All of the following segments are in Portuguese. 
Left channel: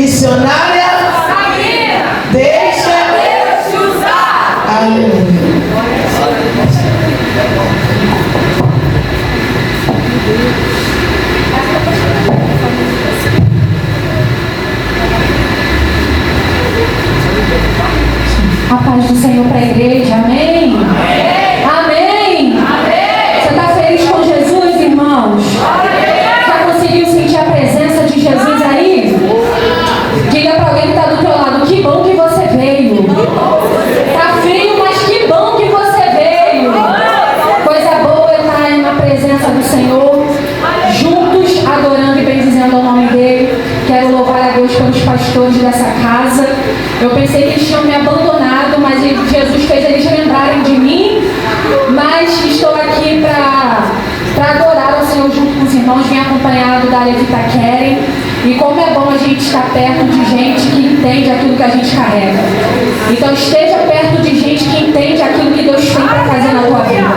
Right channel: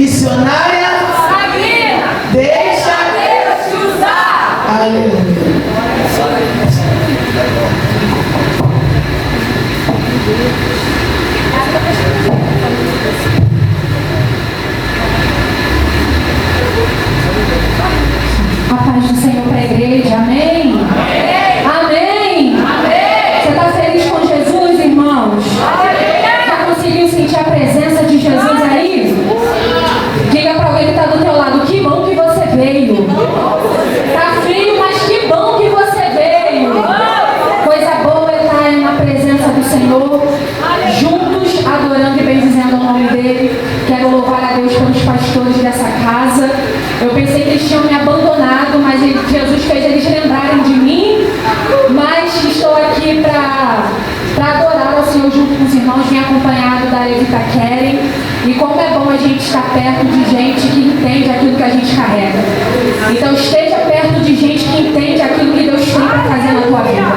Missionária Sabrina, deixa Deus te usar. Aleluia. A paz do Senhor para a igreja, amém? Amém? Amém? Amém. Você está feliz com Jesus, irmãos? Já conseguiu sentir a presença de Jesus aí? Diga para alguém que está do teu lado, que bom que você veio. Está frio, mas que bom que você veio. Coisa boa é estar na presença do Senhor, juntos, adorando e bendizendo o nome dele. Quero louvar a Deus pelos pastores dessa casa. Eu pensei que eles tinham me abandonado, mas Jesus fez eles lembrarem de mim. Mas estou aqui para adorar ao Senhor junto com os irmãos. Vim acompanhado da Levita Keren. E como é bom a gente estar perto de gente que entende aquilo que a gente carrega. Então esteja perto de gente que entende aquilo que Deus tem para fazer na tua vida.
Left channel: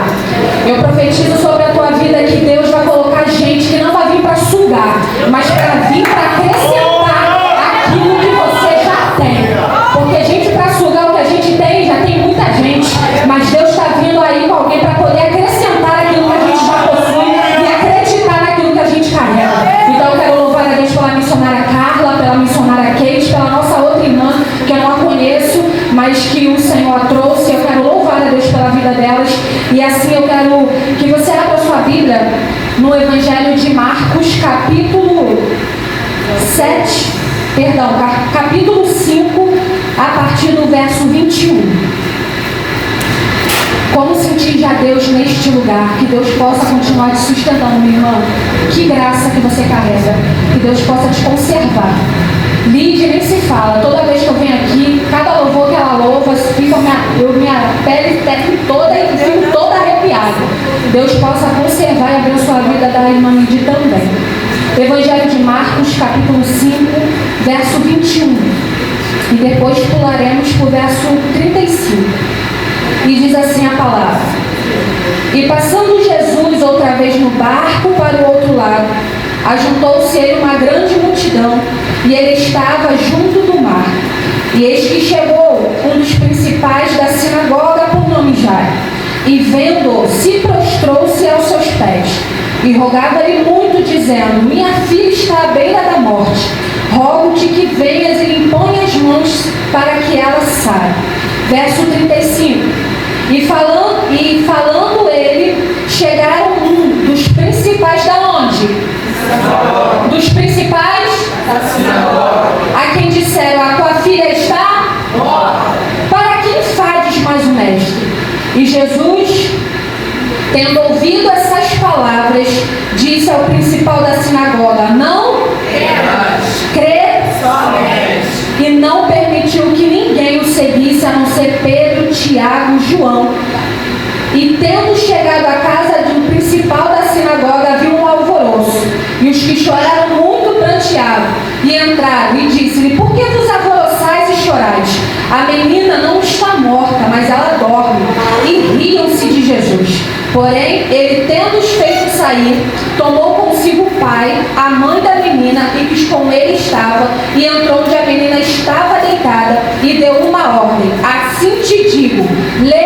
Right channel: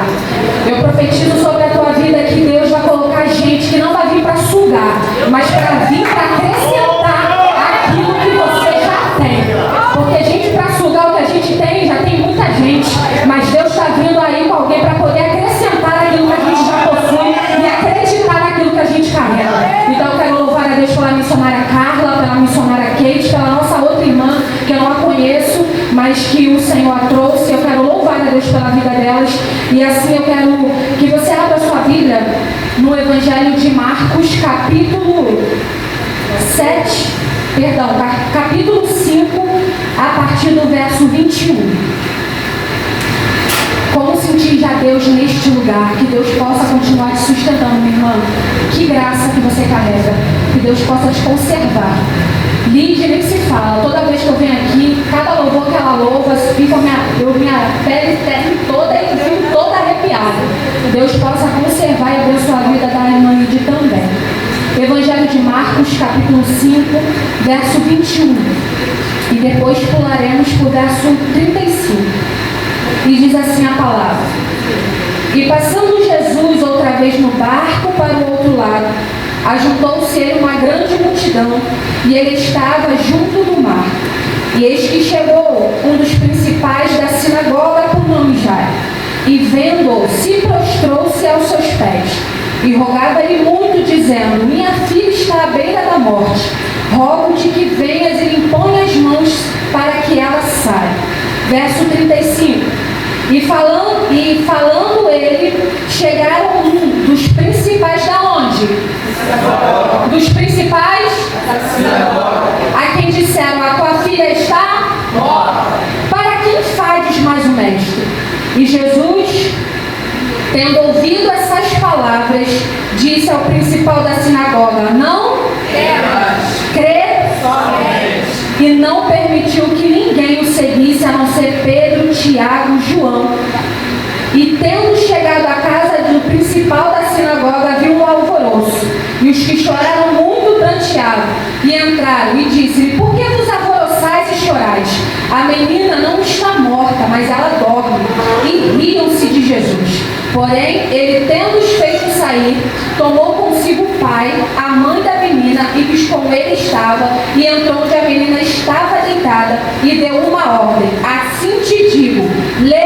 Eu profetizo sobre a tua vida que Deus vai colocar gente que não vai vir para sugar, mas para vir para acrescentar aquilo que você já tem. Porque gente para sugar o que a gente tem, já tem muita gente. Mas Deus está vindo aí com alguém para poder acrescentar aquilo que a gente já possui e acreditar naquilo que a gente carrega. Então eu quero louvar a Deus pela missionária Carla, pela missionária Kate, pela nossa outra irmã, que eu não a conheço, mas que o Senhor a trouxe. Eu quero louvar a Deus pela vida delas. E assim eu quero que você abra sua Bíblia no Evangelho de Marcos, capítulo 5, a partir do verso 21. Como sentir já Deus neste lugar? Que Deus possa continuar te sustentando, meu irmão. Que graça que você carrega. Que Deus possa te conservar. Lídia nem se fala. Toda vez que eu venho aqui, cada louvor que ela louva, minha pele fica toda arrepiada. Deus possa conservar e abençoar a vida da irmã Lídia também. Evangelho de Marcos, capítulo 5, verso 21. E depois pularemos para o verso 35. E diz assim a palavra: E passando Jesus outra vez no barco para o outro lado, ajuntou-se ele uma grande multidão, e ele estava junto do mar. E eis que chegou um dos principais da sinagoga, por nome Jairo, e vendo-o, se prostrou-se aos seus pés, e rogava-lhe muito, dizendo: Minha filha está à beira da morte. Rogo-te que venhas e lhe ponha as mãos para que ela saia. Verso 35. E falando ele, chegaram um dos principais da onde? Dos principais? Da sinagoga. A quem disseram: A tua filha está morta. Para quem fades mais o mestre? E Jesus, tendo ouvido essas palavras, disse ao principal da sinagoga: Não temas, crê somente. E não permitiu que ninguém o seguisse, a não ser Pedro, Tiago e João. E tendo chegado à casa do principal da sinagoga, viu um alvoroço, e os que choraram muito pranteavam, e entraram e disse-lhe: Por que vos alvoroçais e chorais? A menina não está morta, mas ela dorme. E riam-se de Jesus. Porém, ele, tendo-os feito sair, tomou consigo o pai, a mãe da menina, e que com ele estava, e entrou onde a menina estava deitada, e deu uma ordem: Assim te digo, lê,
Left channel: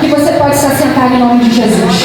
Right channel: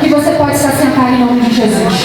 que você pode se assentar em nome de Jesus.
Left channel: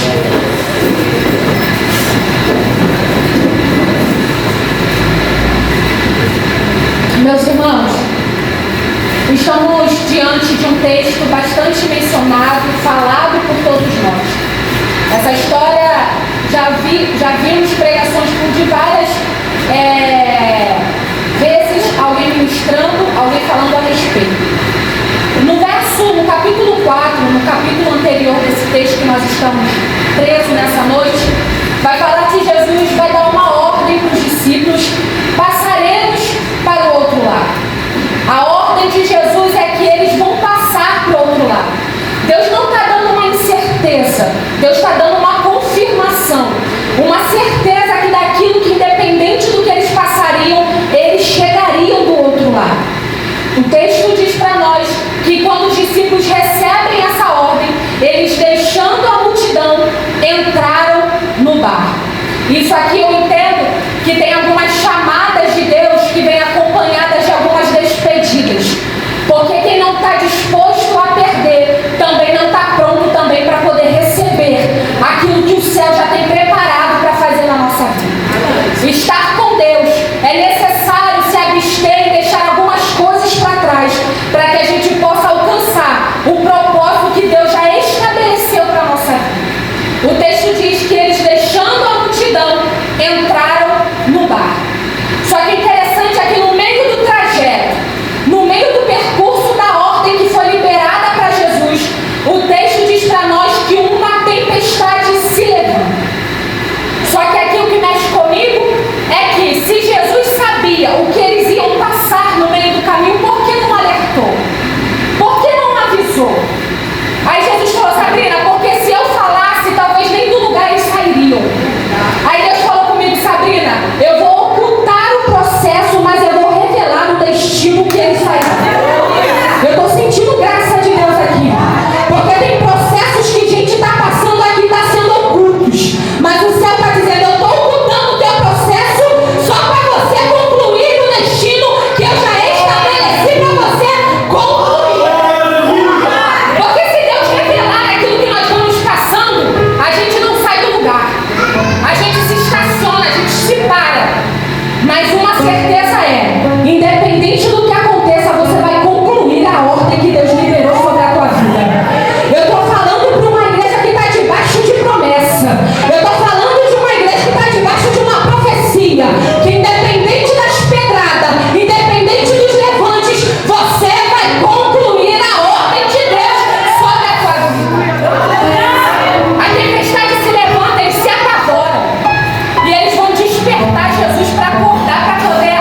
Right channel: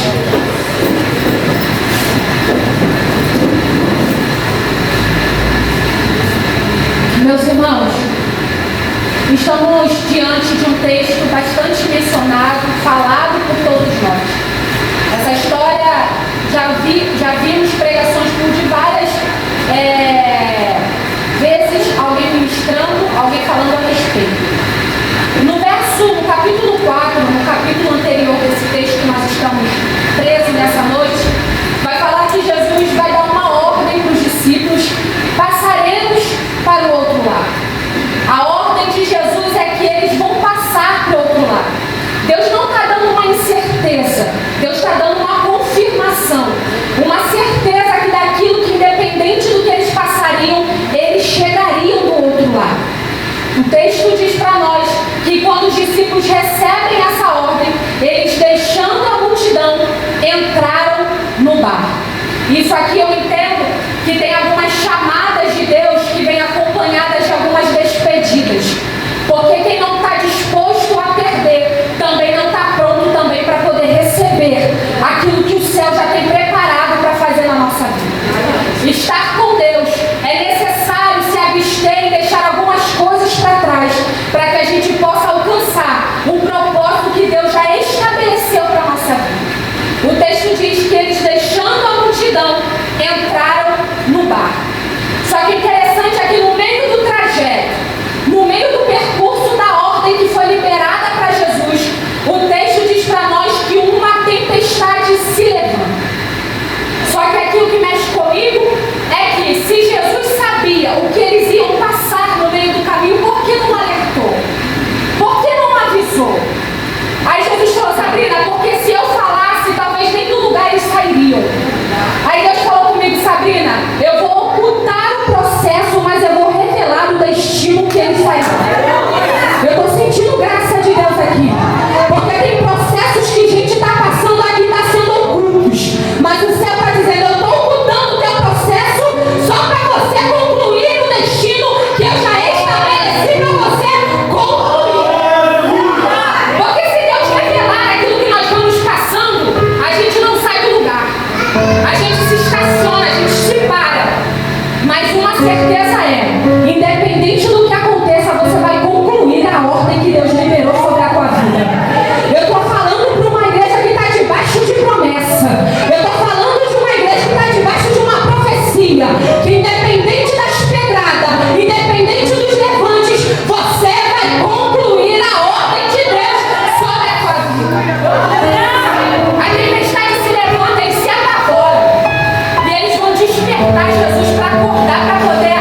estar com Deus, é necessário se abster e deixar algumas coisas para trás, para que a gente possa alcançar o propósito que Deus já estabeleceu para a nossa vida. O texto diz que eles, deixando a multidão, entraram no barco. Só que interessante é que no meio do trajeto, no meio do percurso da ordem que foi liberada para Jesus, o texto diz para nós que uma tempestade se levanta. Só que aqui o que mexe comigo é que se Jesus sabia o que eles iam passar no meio do caminho, por que não alertou? Por que não avisou? Aí Jesus falou: Sabrina, porque se eu falasse, talvez nem do lugar eles sairiam. Aí Deus falou comigo: Sabrina, eu vou ocultar o processo, mas eu vou revelar o destino que eles sairão. Eu estou sentindo graça de Deus aqui, porque tem processos que a gente está passando aqui, está sendo ocultos, mas o céu está dizendo: eu estou ocultando o teu processo só para você concluir o destino que eu já estabeleci para você concluir. Porque se Deus revelar aquilo que nós vamos caçando, a gente não sai do lugar, a gente se estaciona, a gente se para. Mas uma certeza é: independente do que aconteça, você vai concluir a ordem que Deus liberou sobre a tua vida. Eu estou falando para uma igreja que está debaixo de promessa. Eu estou falando de uma igreja que está debaixo de uma profecia, que independente das pedradas, independente dos levantes, você vai concluir a ordem de Deus sobre a tua vida. A tempestade se levanta, eles se apavoram. E eles vão despertar Jesus para acordar, para poder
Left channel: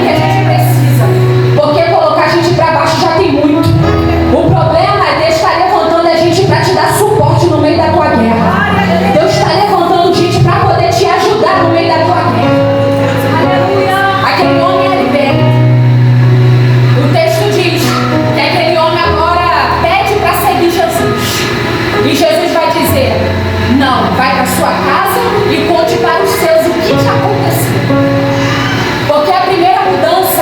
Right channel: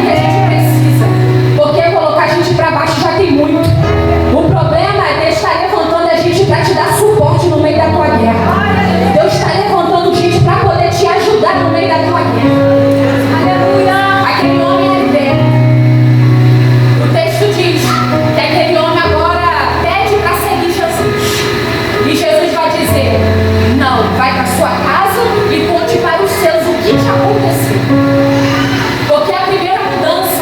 que a gente precisa. Porque colocar a gente para baixo já tem muito. O problema é Deus estar levantando a gente para te dar suporte no meio da tua guerra. Deus está levantando gente para poder te ajudar no meio da tua guerra. Aquele homem é liberto. O texto diz que aquele homem agora pede para seguir Jesus. E Jesus vai dizer: não, vai para sua casa e conte para os seus o que te aconteceu. Porque a primeira mudança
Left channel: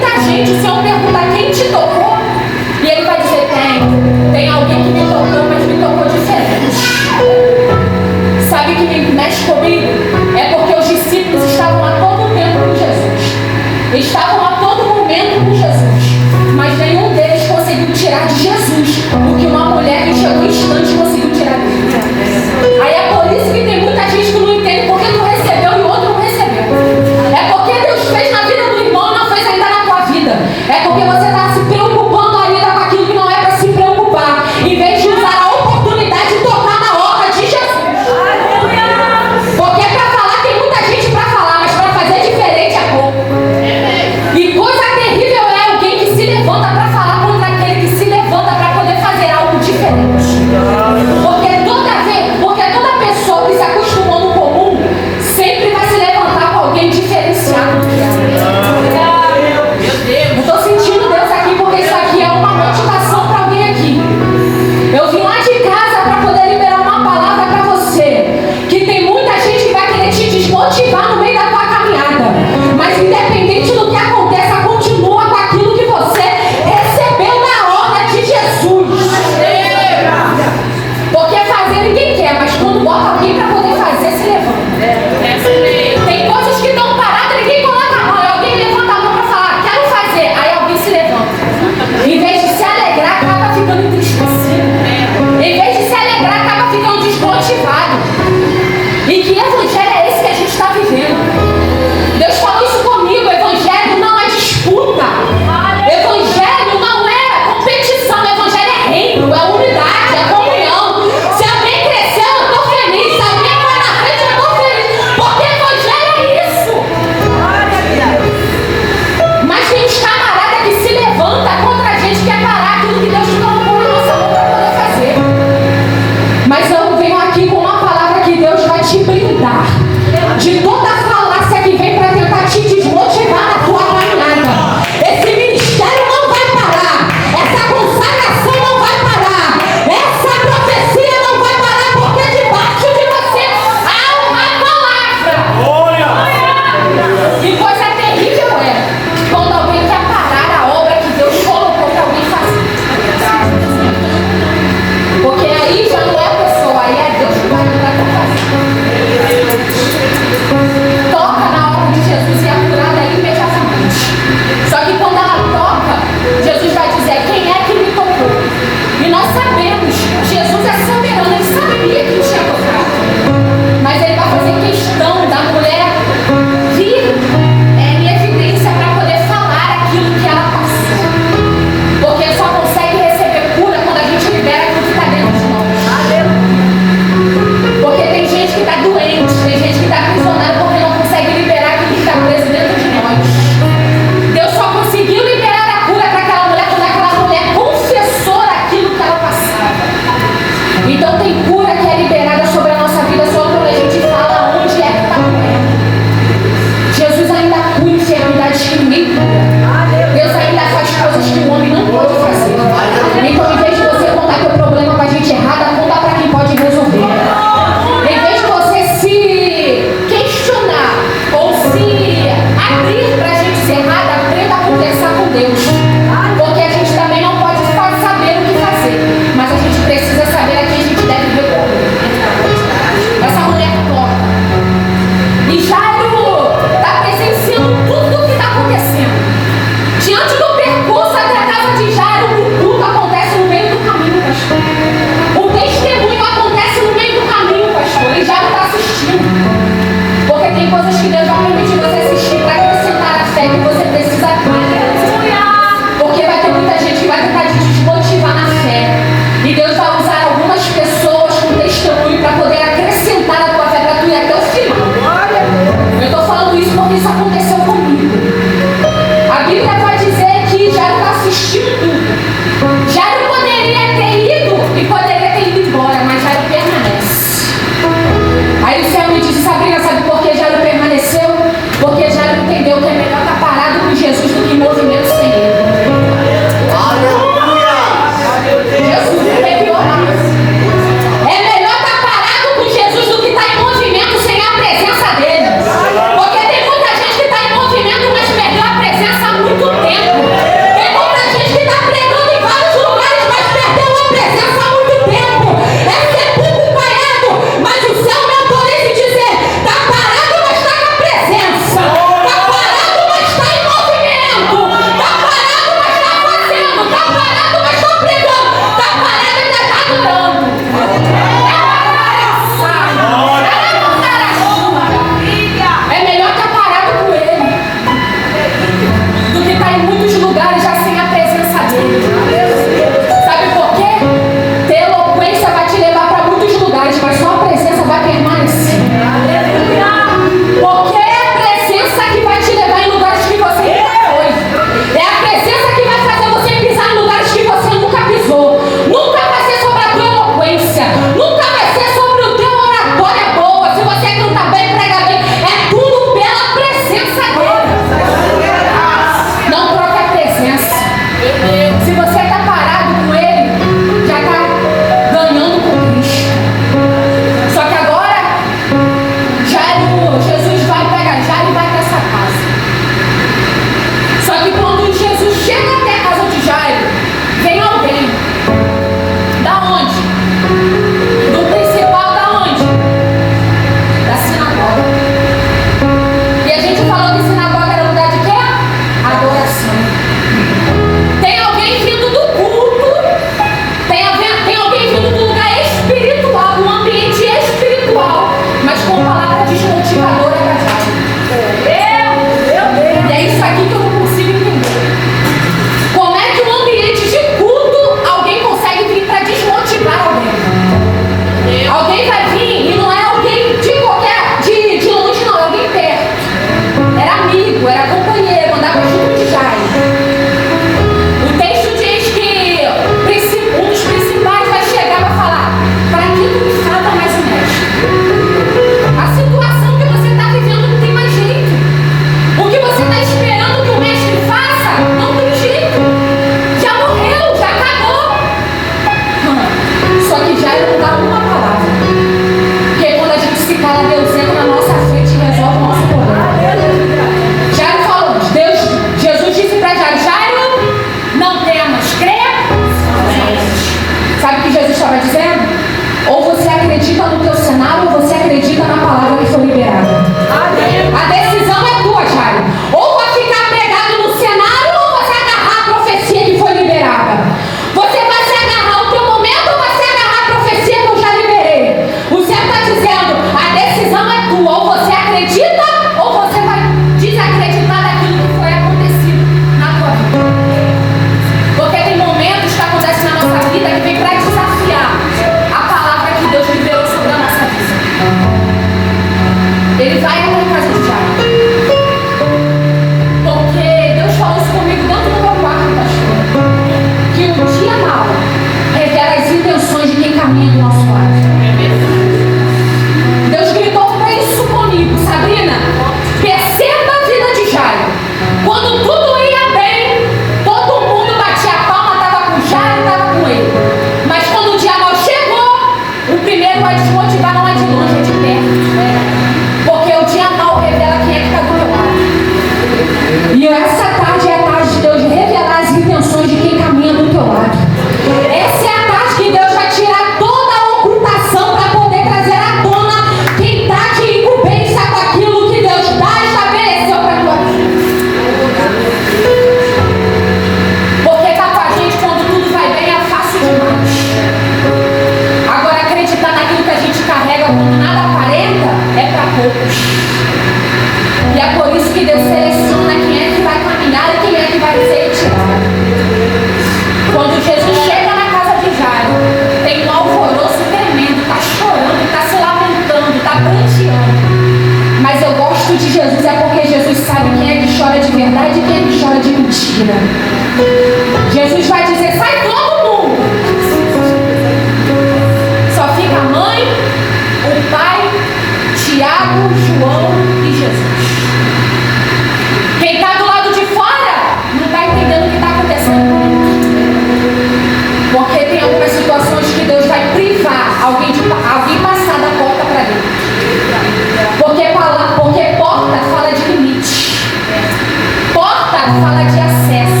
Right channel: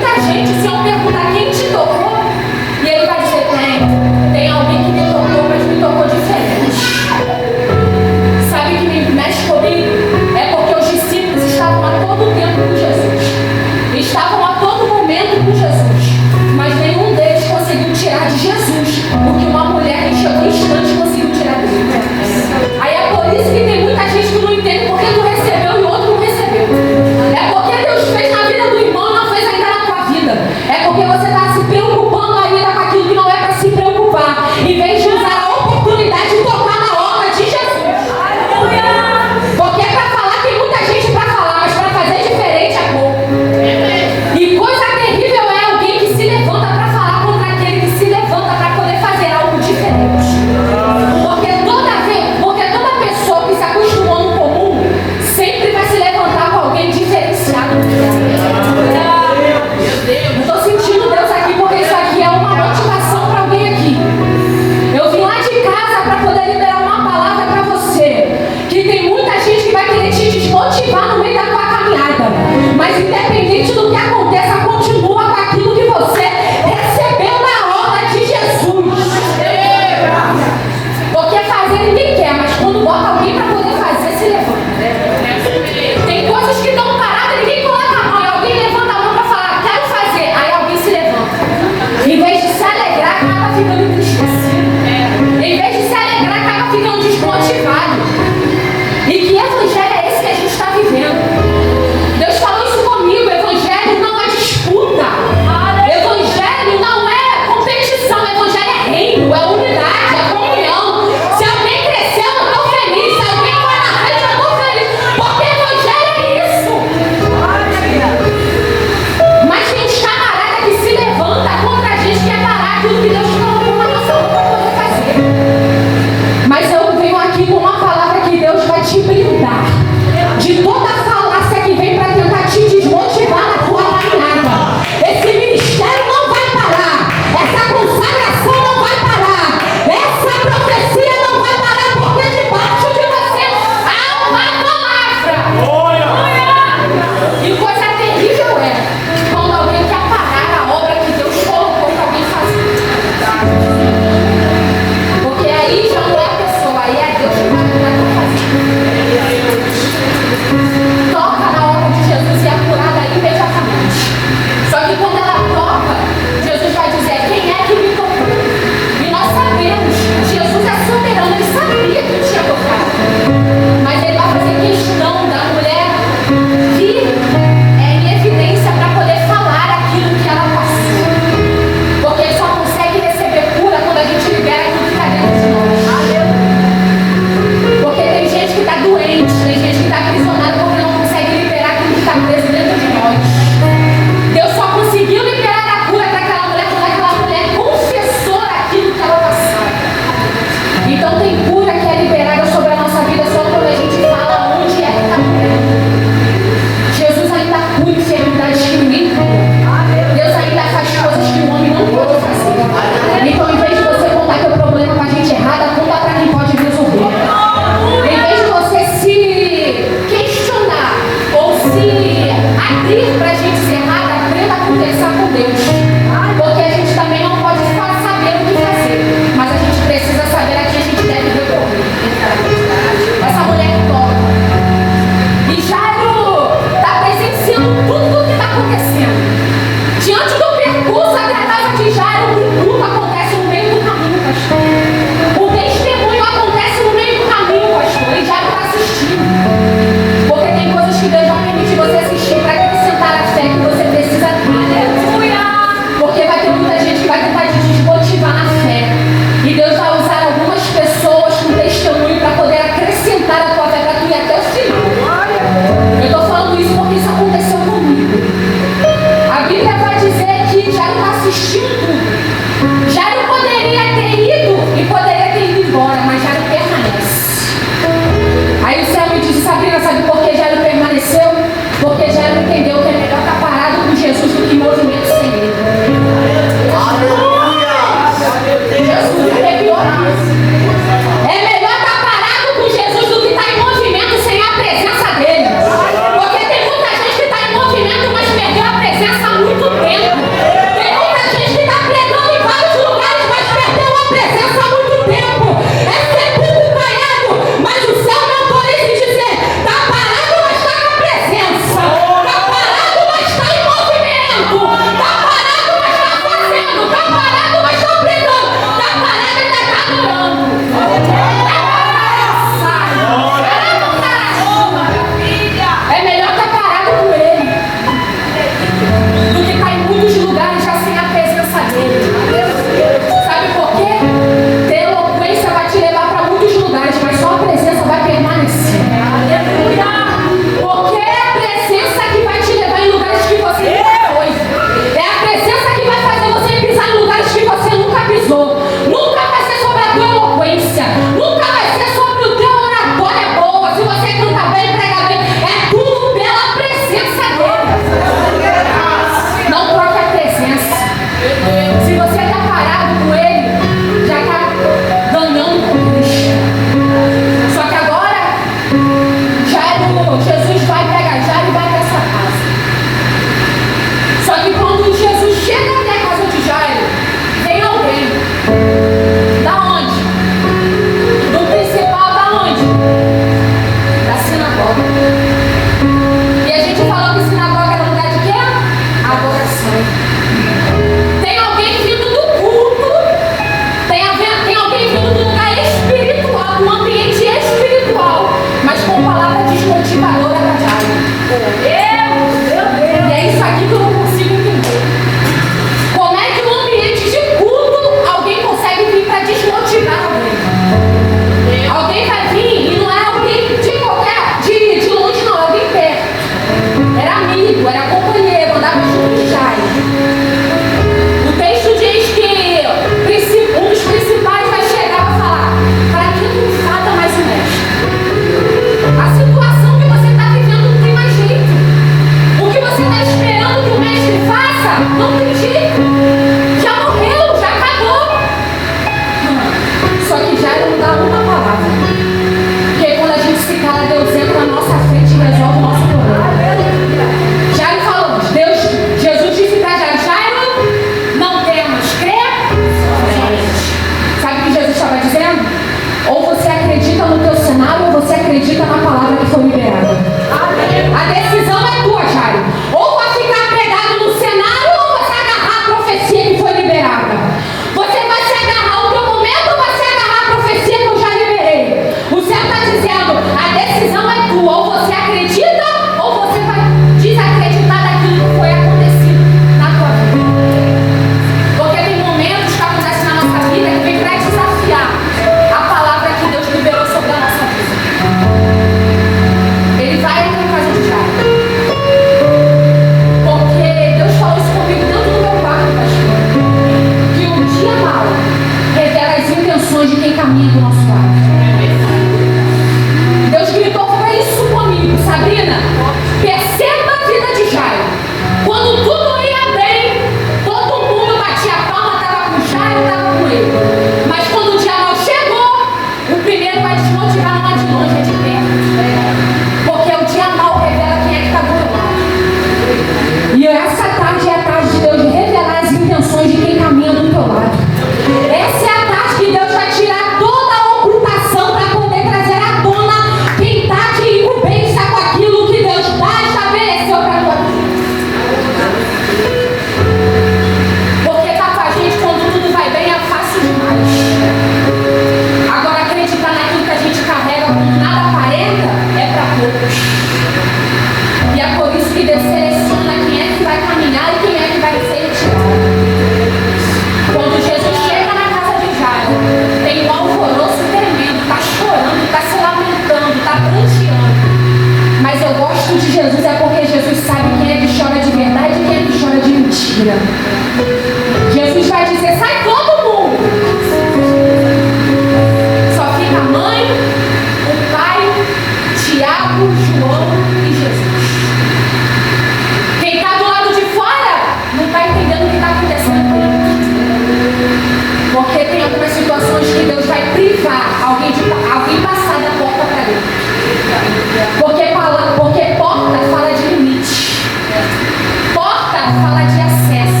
fala de acesso.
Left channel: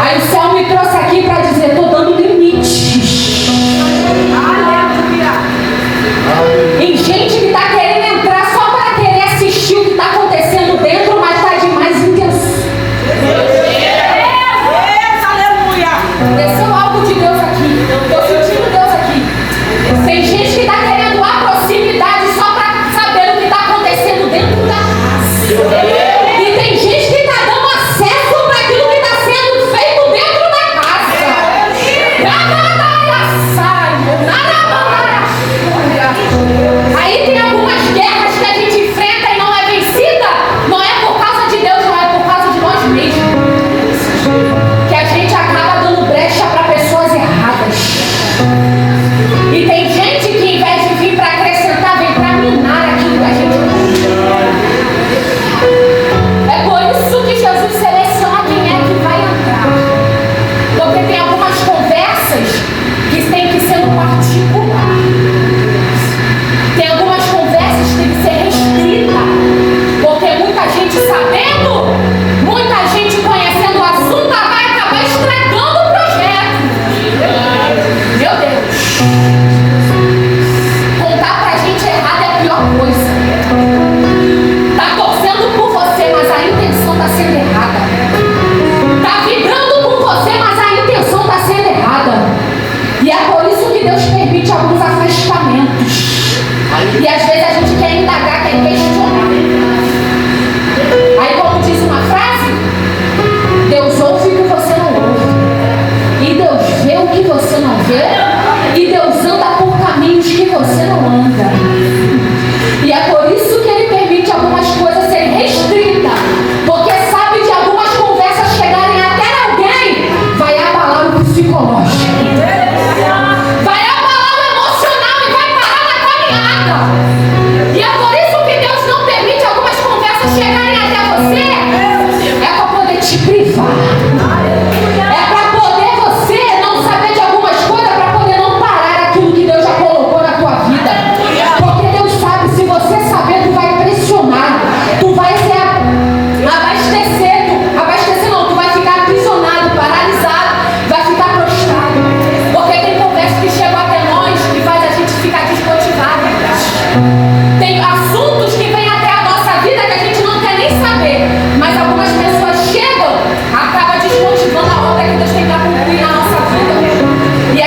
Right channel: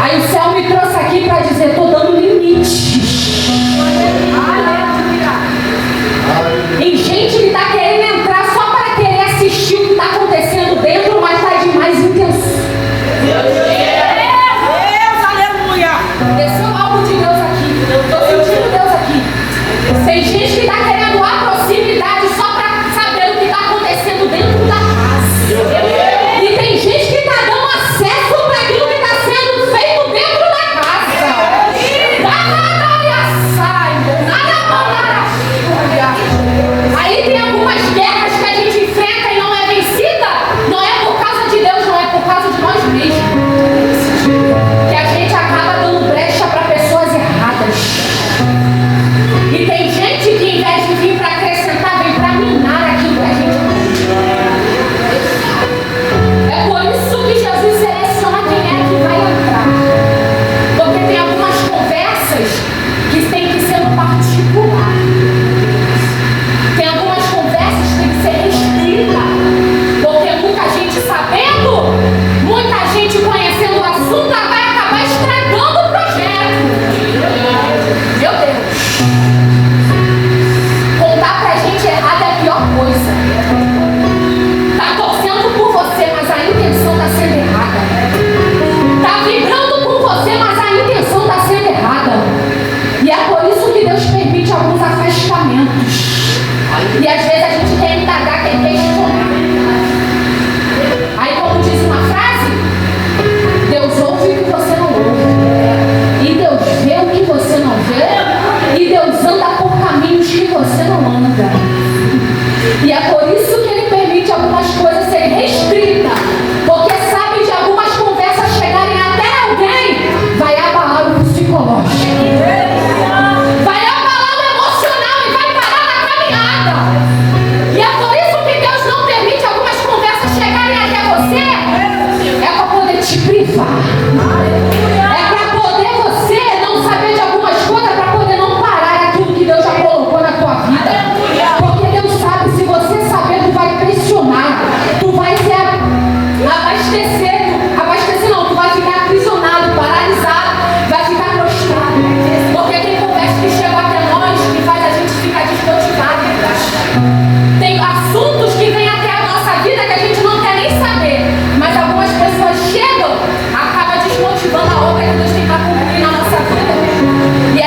Aí o céu me trouxe aqui para dizer: estou dando limites em gente que está querendo entrar só para querer assistir o que está acontecendo dentro, mas está de mais intenção. Desceu algo de Deus aqui. Eu estou sentindo Deus aqui. Tem gente que está querendo a proximidade só para saber o que está acontecendo dentro da casa. E tem gente que está dando acesso para aquilo que está sendo feito dentro da casa. Aí tem algumas guerras que a gente enfrenta e não é vencida. Não é por causa de Deus, não é por causa de nós mesmos. Que a gente acaba dando brecha para pessoas erradas. E tem gente que, em vez de vir para acrescentar, vem para minar aquilo que a gente tem. É por isso que Jesus seleciona quem é que vai entrar. Porque tem algumas conversas que têm que ser no particular. Tem algumas conversas que têm que ser restritas. Porque muita gente sabendo, muita gente conhecendo o assunto, vai acabar estragando o projeto. Meu Deus. Contar pra gente errado é a pior coisa. Tá torcendo por você, mas a intenção tá sendo errada. Tá vibrando por você, mas a intenção tá sendo errada. E é por isso que Deus permite alguns afastamentos. E às vezes a gente quer indagar, quer questionar. Aí, como diz uma frase, Deus ouve o que você não ouve. E Deus vê o que você não vê. E Deus anda por caminhos que você não anda. E é por isso que Ele permite algumas coisas serem restritas. Porque sabe de algumas conversas chegarem até alguém, vai abalar o psicológico. Vai abalar o emocional e vai parar na caminhada. E é por isso que Deus não permite algumas conversas chegarem até você. É para poder te privar. É para poder você não saber de algumas coisas, para poder não parar aquilo que Deus já colocou na tua vida. Porque Deus sabe, se você saber, tu vai pressionar. Tu vai ser abastecer não, tu vai ficar aprisionado, paralisado, vai ficar prostrado. Porque tem conversas que chegam até nós que faz a gente ficar desmotivado. Tem assuntos que vêm até a nossa vida que a gente não quer nem saber. Mas algumas pessoas chegam, acaba desmotivando a obra que Deus tem para cumprir na nossa vida. E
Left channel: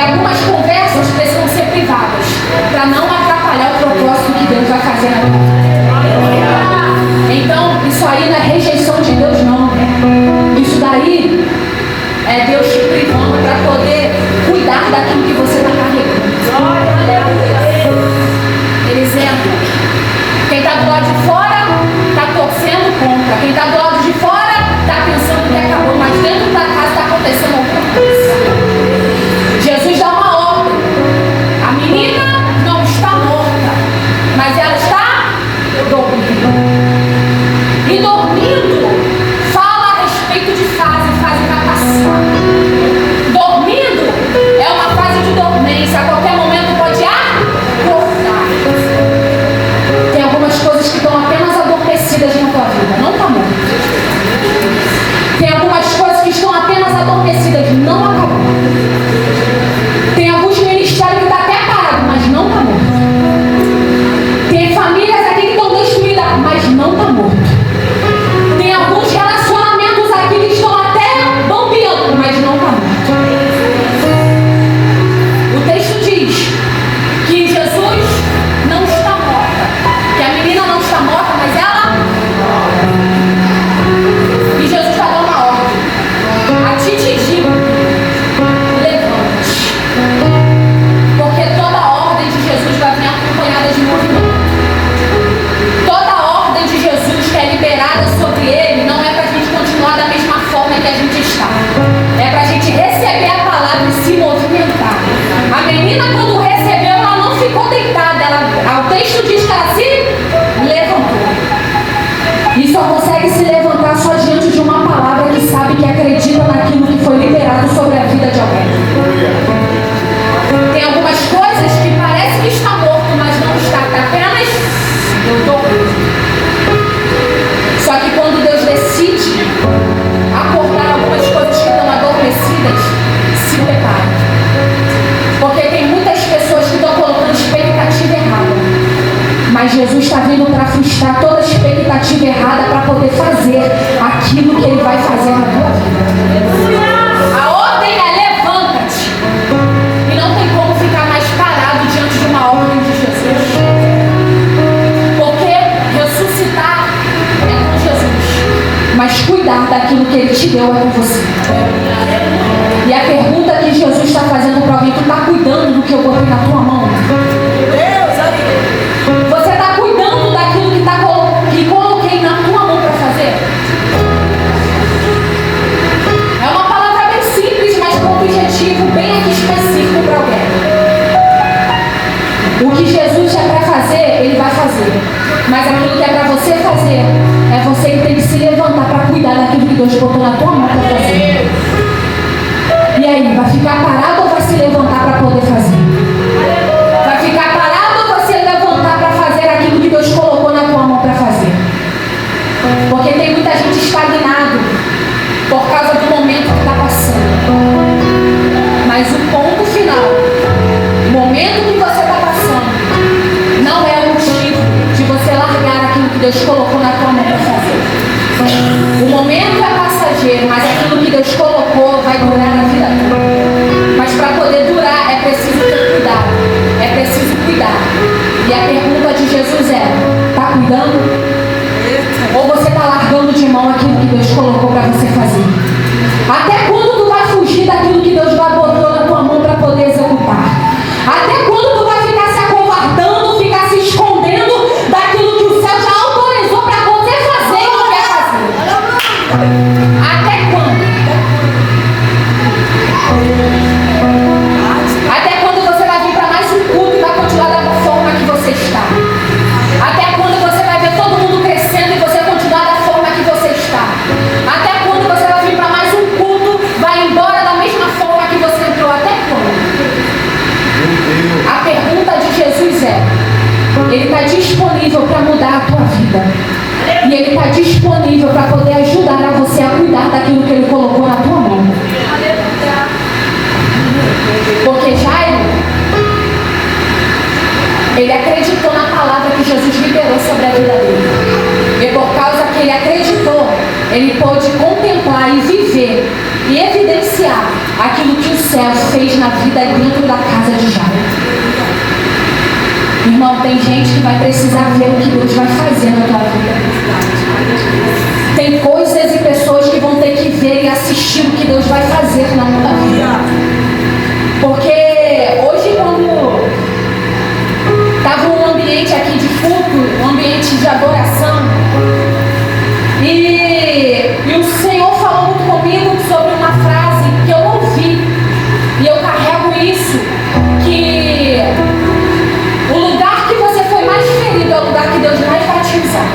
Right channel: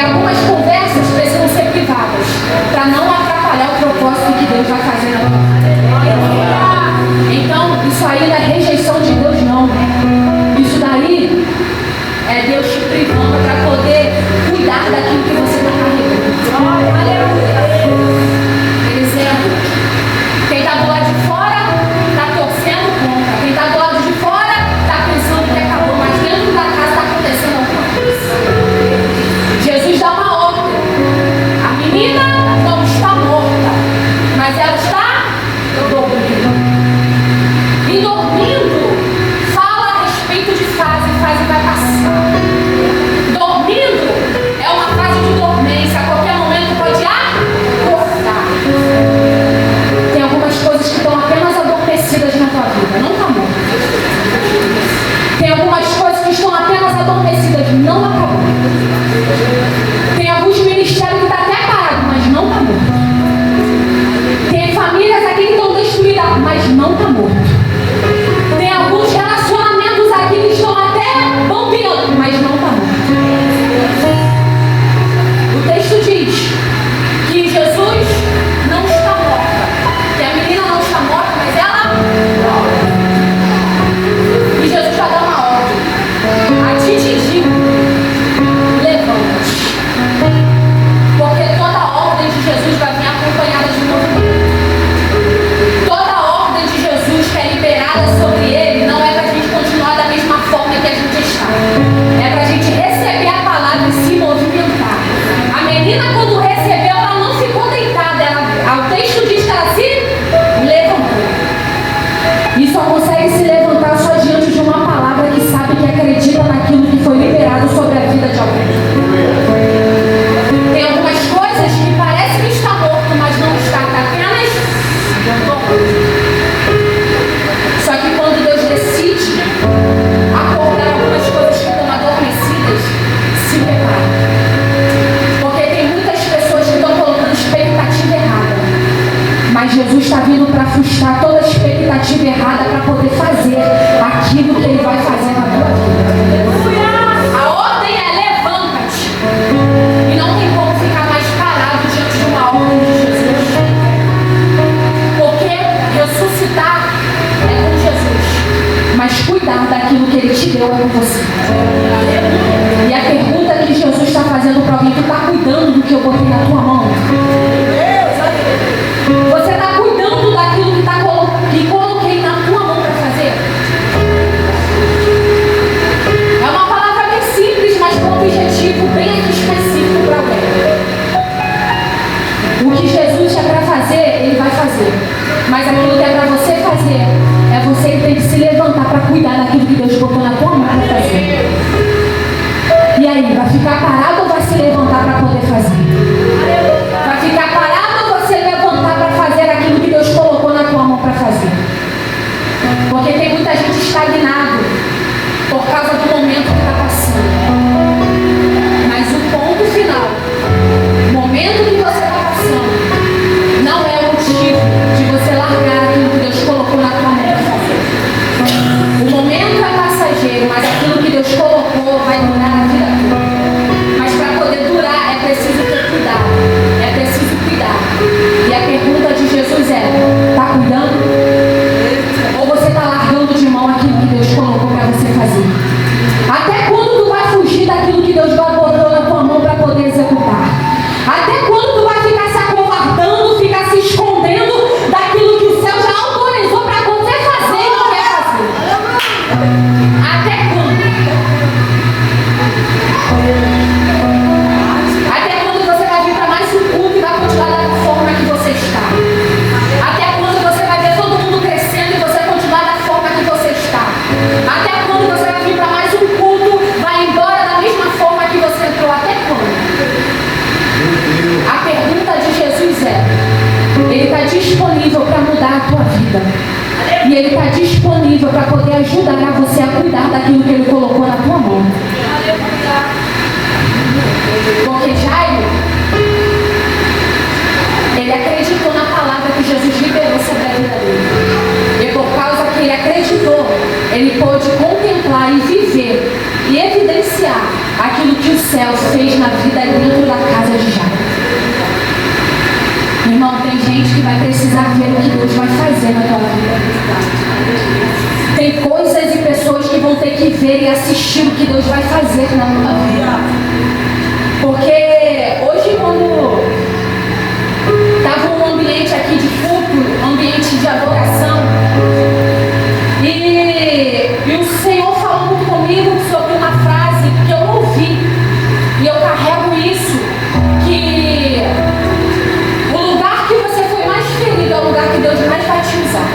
algumas conversas precisam ser privadas, para não atrapalhar o propósito que Deus vai fazer na tua vida. Então, isso aí não é rejeição de Deus, não. Isso daí é Deus te privando para poder cuidar daquilo que você está carregando. Por exemplo, quem está do lado de fora está torcendo contra. Quem está do lado de fora está pensando que acabou, mas dentro da casa está acontecendo alguma coisa. Jesus dá uma ordem. A menina não está morta, mas ela está dormindo. E dormindo fala a respeito de fase vai passar. Dormindo é uma fase de dormência, a qualquer momento pode acordar. Tem algumas coisas que estão apenas adormecidas na tua vida, não está morta. Tem algumas coisas que estão apenas adormecidas, não acabou. Tem alguns ministérios que estão até parados, mas não está morto. Tem famílias aqui que estão destruídas, mas não está morto. Tem alguns relacionamentos aqui que estão até bombeando, mas não está morto. O texto diz que Jesus não está morta, que a menina não está morta, mas ela dorme. E Jesus vai dar uma ordem. A ti te digo, levanta. daquilo que Ele te deu é com você. E a pergunta que Jesus está fazendo para alguém: tu está cuidando do que eu botei na tua mão? Você está cuidando daquilo que coloquei na tua mão para fazer? É uma palavra bem simples, mas com um objetivo bem específico para alguém. O que Jesus é para fazer, Ele vai fazer. Mas aquilo que é para você fazer, é você que tem que se levantar para cuidar daquilo que Deus botou na tua mão para fazer. E aí, vai ficar parado ou vai se levantar para poder fazer? Vai ficar parado ou vai se levantar para fazer aquilo que Deus colocou na tua mão para fazer? Porque tem muita gente estagnado por causa do momento que está passando. Mas o ponto final, o momento que você está passando, não é motivo de você largar aquilo que Deus colocou na tua mão para fazer. O momento é passageiro, mas aquilo que Deus colocou vai durar a vida toda. Mas para poder durar é preciso ter cuidado, é preciso cuidar. E a pergunta de Jesus é: está cuidando? Ou você está largando de mão aquilo que Deus colocou para você fazer? Até quando tu vai fugir daquilo que Deus botou na tua mão para poder executar? Até quando tu vai ficar se acovardando, ficar se escondendo daquilo que o céu já autorizou para você fazer e não quer fazer? Até quando? Até quando você vai vir para mais um culto e vai continuar da forma que você está? Até quando você vai ver todo mundo crescendo e você continuar da forma que você está? Até quando você vai vir para mais um culto, vai embora da mesma forma que você entrou? Até quando? A pergunta de Jesus é: Ele está disponível para mudar a tua vida. E Ele está disponível para poder ajudar a você a cuidar daquilo que Ele colocou na tua mão. Porque Jairo, ele acreditou na palavra que Jesus liberou sobre a vida dele. E por causa que ele acreditou, ele pôde contemplar e viver e evidenciar aquilo que o céu fez na vida dentro da casa de Jairo. Irmão, tem gente que vai precisar ver o que Deus vai fazer na tua vida. Tem coisas e pessoas que vão ter que ver e assistir o que Deus vai fazer na tua vida. Porque hoje, quando estava um ambiente aqui de culto, um ambiente de adoração, e o Senhor falou muito comigo sobre uma frase que eu ouvi, e eu carrego isso, que o lugar que você foi mais ferido é o lugar que Deus mais vai te usar.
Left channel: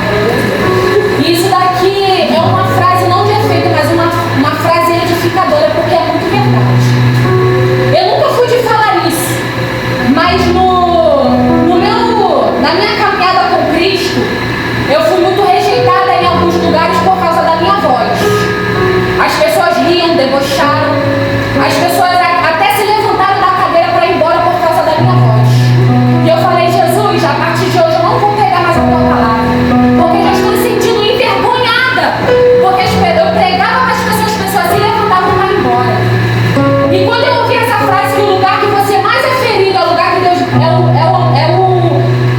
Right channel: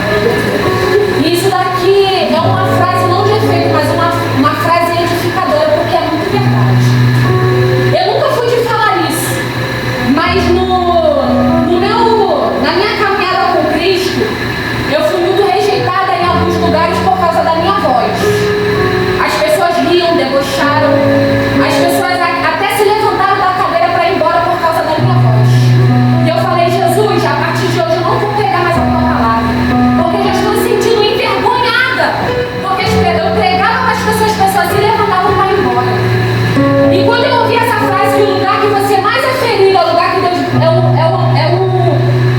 E isso daqui é uma frase não de efeito, mas uma frase edificadora, porque é muito verdade. Eu nunca fui de falar isso, mas na minha caminhada com Cristo, eu fui muito rejeitada em alguns lugares por causa da minha voz. As pessoas riam, debocharam, as pessoas até se levantaram da cadeira para ir embora por causa da minha voz. E eu falei: Jesus, a partir de hoje eu não vou pegar mais a tua palavra, porque eu estou me sentindo envergonhada, porque eu pregava para as pessoas se levantavam para ir embora. E quando eu ouvi essa frase, que o lugar que você mais é ferido é o lugar que Deus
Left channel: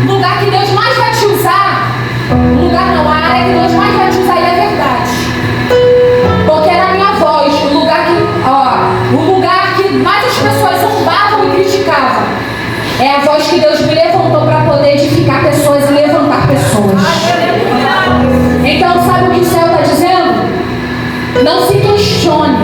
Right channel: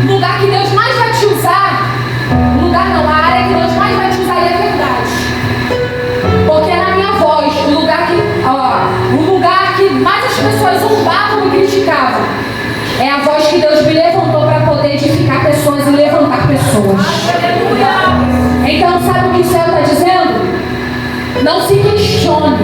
o lugar que Deus mais vai te usar, a área que Deus mais vai te usar, e é verdade. Porque na minha voz, o lugar que mais as pessoas zombavam e criticavam, é a voz que Deus me levantou para poder edificar pessoas e levantar pessoas. Então, sabe o que o céu está dizendo? Não se questione